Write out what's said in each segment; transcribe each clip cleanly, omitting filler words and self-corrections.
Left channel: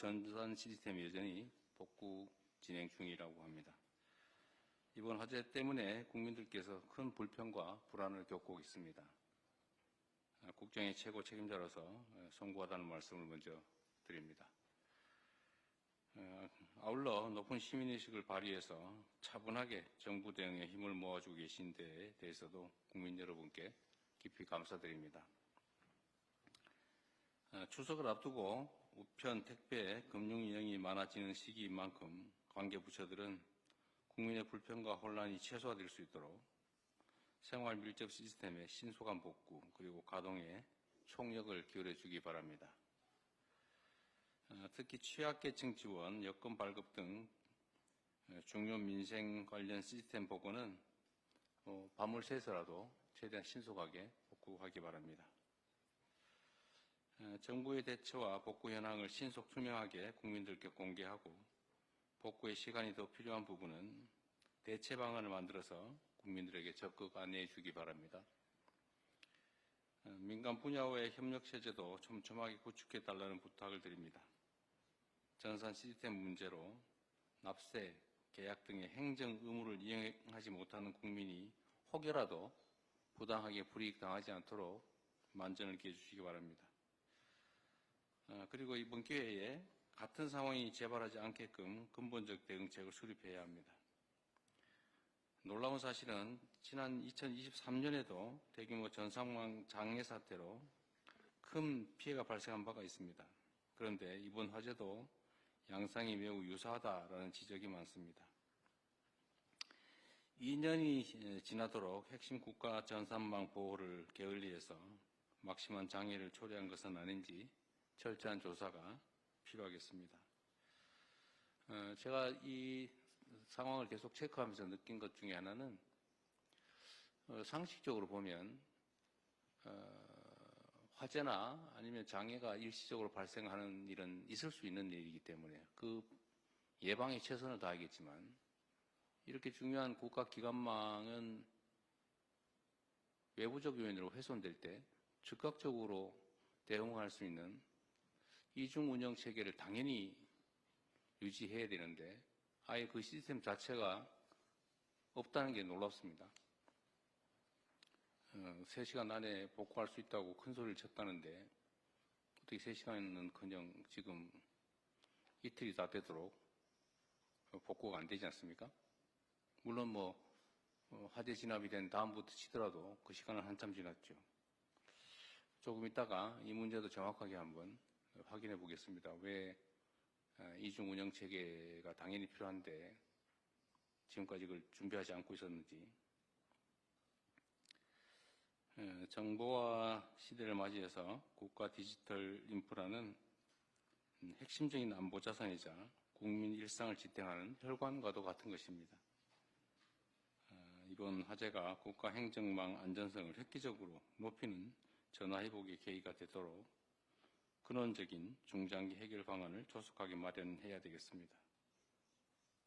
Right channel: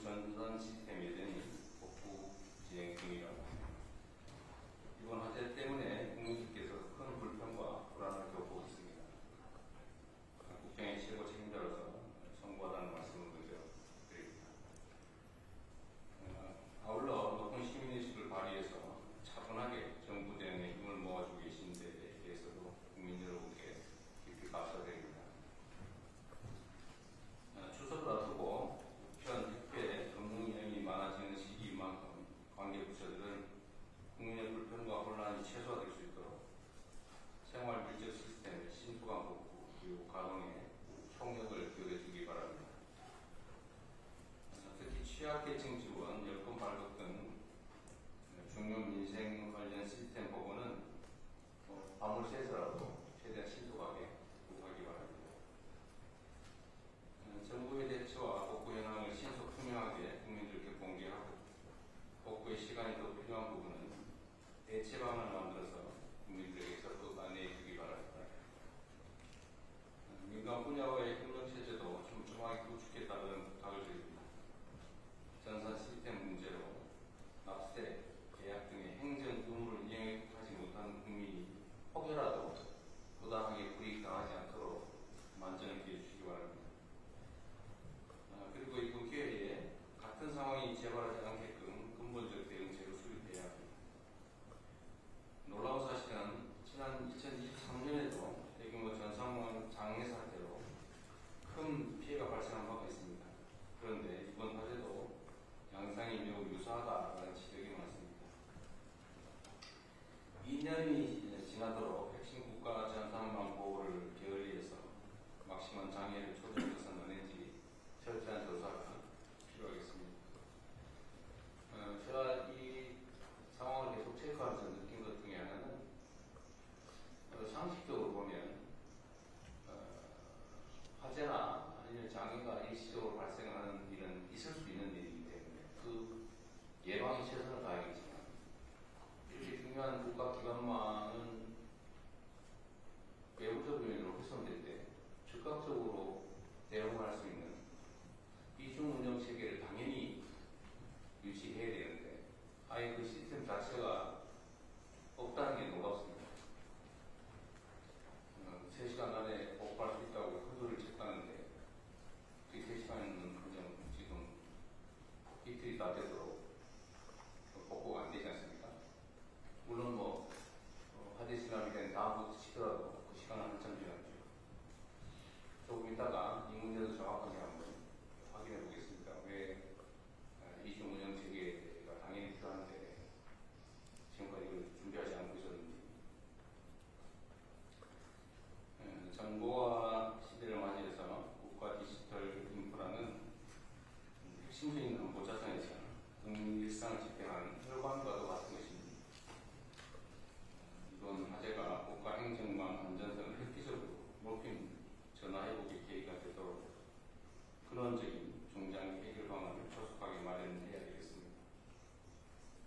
전산 시스템 여전히 복구 진행 중이라고 합니다. 이번 화재 때문에 국민들께서 큰 불편과 불안을 겪고 있습니다. 국정의 최고 책임자로서 송구하다는 말씀을 먼저 드립니다. 아울러 높은 시민의식을 발휘해서 차분하게 정부 대응에 힘을 모아주고 계신 데에 대해서도 국민 여러분께 깊이 감사드립니다. 추석을 앞두고 우편, 택배, 금융 인형이 많아지는 시기인 만큼 관계부처들은 국민의 불편과 혼란이 최소화될 수 있도록 생활 밀접 시스템의 신속한 복구 그리고 가동에 총력을 기울여주기 바랍니다. 특히 취약계층 지원, 여권 발급 등 중요 민생 관련 시스템 복원은 밤을 새서라도 최대한 신속하게 구하기 바랍니다. 정부의 대처와 복구 현황을 신속 투명하게 국민들께 공개하고 복구의 시간이 더 필요한 부분은 대체 방안을 만들어서 국민들에게 적극 안내해 주기 바랍니다. 민간 분야와의 협력 체제도 촘촘하게 구축해달라는 부탁을 드립니다. 전산 시스템 문제로 납세, 계약 등의 행정 의무를 이행하지 못하는 국민이 혹여라도 부당하게 불이익 당하지 않도록 만전을 기해 주시기 바랍니다. 그리고 이번 기회에 같은 상황이 재발하지 않게끔 근본적 대응책을 수립해야 합니다. 놀라운 사실은 지난 2023년에도 대규모 전상망 장애 사태로 큰 피해가 발생한 바가 있습니다. 그런데 이번 화재도 양상이 매우 유사하다는 지적이 많습니다. 2년이 지나도록 핵심 국가 전산망 보호를 게을리해서 막심한 장애를 초래한 것은 아닌지 철저한 조사가 필요하겠습니다. 제가 이 상황을 계속 체크하면서 느낀 것 중에 하나는 상식적으로 보면 화재나 아니면 장애가 일시적으로 발생하는 일은 있을 수 있는 일이기 때문에 그 예방에 최선을 다하겠지만 이렇게 중요한 국가기관망은 외부적 요인으로 훼손될 때 즉각적으로 대응할 수 있는 이중 운영 체계를 당연히 유지해야 되는데 아예 그 시스템 자체가 없다는 게 놀랍습니다. 3시간 안에 복구할 수 있다고 큰 소리를 쳤다는데 어떻게 3시간은 그냥 지금 이틀이 다 되도록 복구가 안 되지 않습니까? 물론 화재 진압이 된 다음부터 치더라도 그 시간은 한참 지났죠. 조금 있다가 이 문제도 정확하게 한번 확인해 보겠습니다. 왜 이중 운영 체계가 당연히 필요한데 지금까지 이걸 준비하지 않고 있었는지. 정보화 시대를 맞이해서 국가 디지털 인프라는 핵심적인 안보 자산이자 국민 일상을 지탱하는 혈관과도 같은 것입니다. 이번 화재가 국가 행정망 안전성을 획기적으로 높이는 전화회복의 계기가 되도록 근원적인 중장기 해결 방안을 조속하게 마련해야 되겠습니다.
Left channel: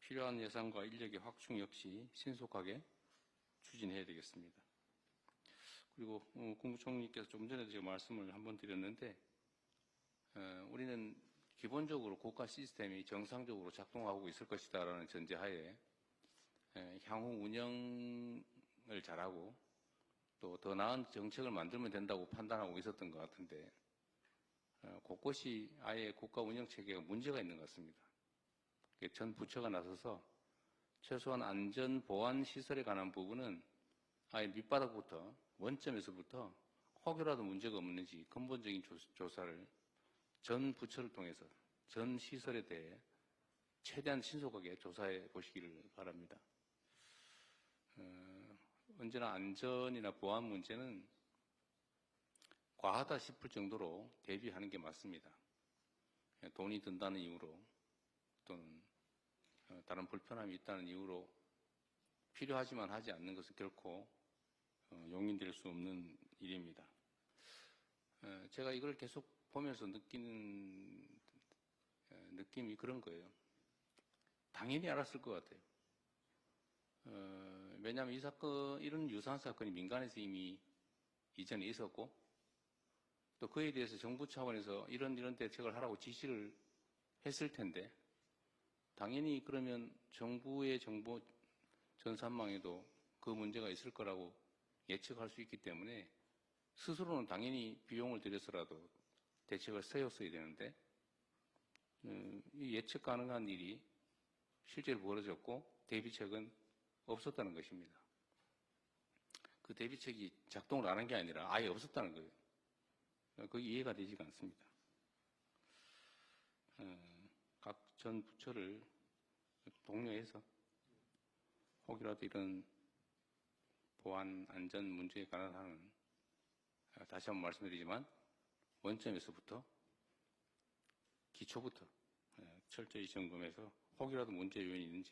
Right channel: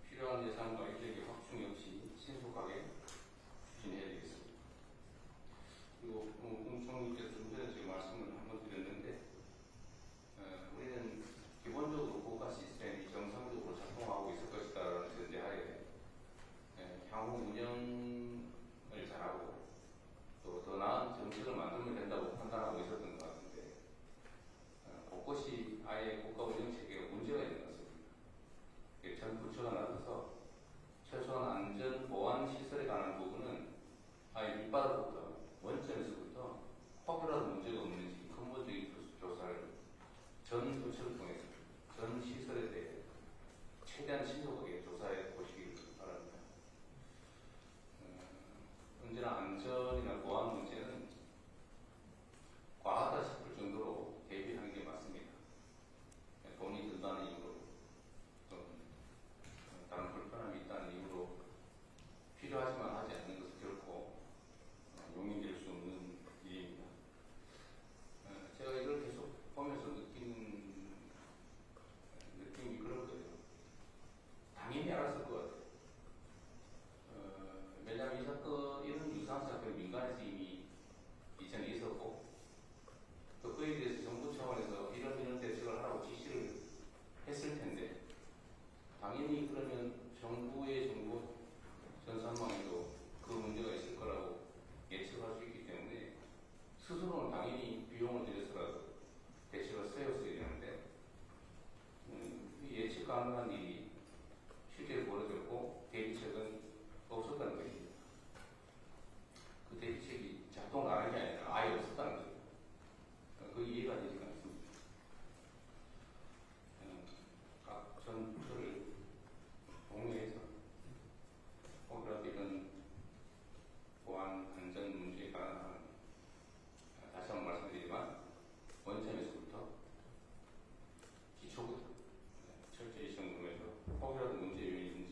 필요한 예산과 인력의 확충 역시 신속하게 추진해야 되겠습니다. 그리고 국무총리께서 좀 전에 제가 말씀을 한번 드렸는데 우리는 기본적으로 국가 시스템이 정상적으로 작동하고 있을 것이다라는 전제하에 향후 운영을 잘하고 또 더 나은 정책을 만들면 된다고 판단하고 있었던 것 같은데 곳곳이 아예 국가 운영 체계가 문제가 있는 것 같습니다. 전 부처가 나서서 최소한 안전 보안 시설에 관한 부분은 아예 밑바닥부터 원점에서부터 혹여라도 문제가 없는지 근본적인 조사를 전 부처를 통해서 전 시설에 대해 최대한 신속하게 조사해 보시기를 바랍니다. 언제나 안전이나 보안 문제는 과하다 싶을 정도로 대비하는 게 맞습니다. 돈이 든다는 이유로 또는 다른 불편함이 있다는 이유로 필요하지만 하지 않는 것은 결코 용인될 수 없는 일입니다. 제가 이걸 계속 보면서 느낀 느낌이 그런 거예요. 당연히 알았을 것 같아요. 왜냐하면 이 사건, 이런 유사한 사건이 민간에서 이미 이전에 있었고 또 그에 대해서 정부 차원에서 이런 대책을 하라고 지시를 했을 텐데 당연히 그러면 정부의 정보 전산망에도 그 문제가 있을 거라고 예측할 수 있기 때문에 스스로는 당연히 비용을 들여서라도 대책을 세웠어야 되는데 이 예측 가능한 일이 실제로 벌어졌고 대비책은 없었다는 것입니다. 그 대비책이 작동을 안 한 게 아니라 아예 없었다는 거예요. 그 이해가 되지가 않습니다. 각 전 부처를 독려해서 혹이라도 이런 보안 안전 문제에 관한 다시 한번 말씀드리지만 원점에서부터 기초부터 철저히 점검해서 혹이라도 문제 요인이